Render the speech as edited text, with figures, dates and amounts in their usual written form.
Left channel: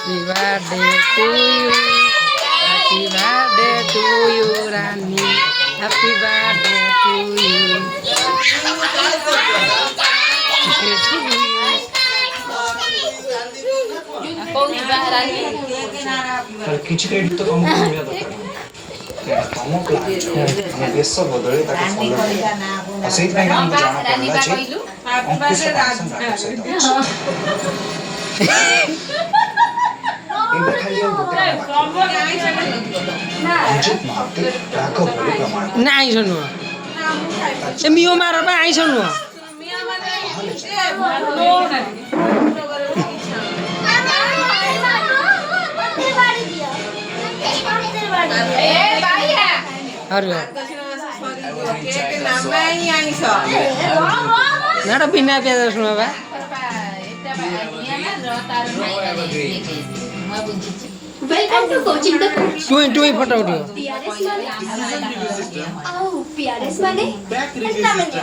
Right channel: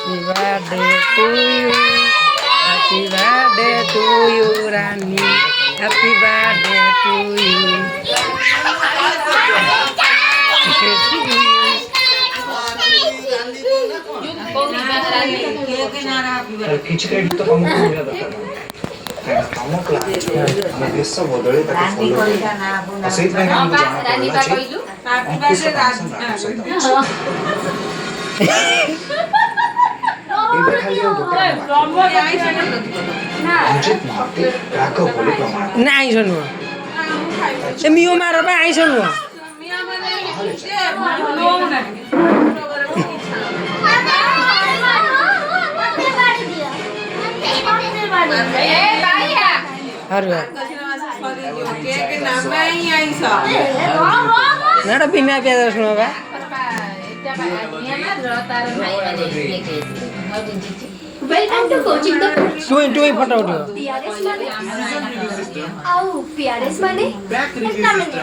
Happy birthday to you. Happy birthday to you, Rani. Happy birthday to you. କିଛି କ୍ରେଡିଟ୍ ତ ତମକୁ ମିଳିବା ଦରକାର ତମ ପ୍ଲାନ୍ ଆମ ଦେଶ ବଦଳେ ତାକୁ ଫଲୋ କରିବା ଆଉ ସେଇଥିପାଇଁ ଆମକୁ ଜଣା ପଡ଼ିଲା ଯେ ଅଙ୍କୁଶ ପାଂଶହ ନାଟକ ସହିତ ଏବେ ଖାଲି ଆଉ ଗୋଟେ କାମ ବାକି ରଞ୍ଜିତ ମହାନ୍ତି ରାଘବ ବୋଲି ପ୍ରମାଣ ନା ଆଇଁଷ ନୁହଁ ସେ ମିଓ ମାର ପାଇଁ ଆଇଁଷ ନୁହଁ ହରିବ ନା ବିନା ପିଆଜ ରସୁଣ ବା Welcome to coaching the coach. ଟୁଇଁ ଫଟୋ ଉଠିବ PRS माने? PRS माने?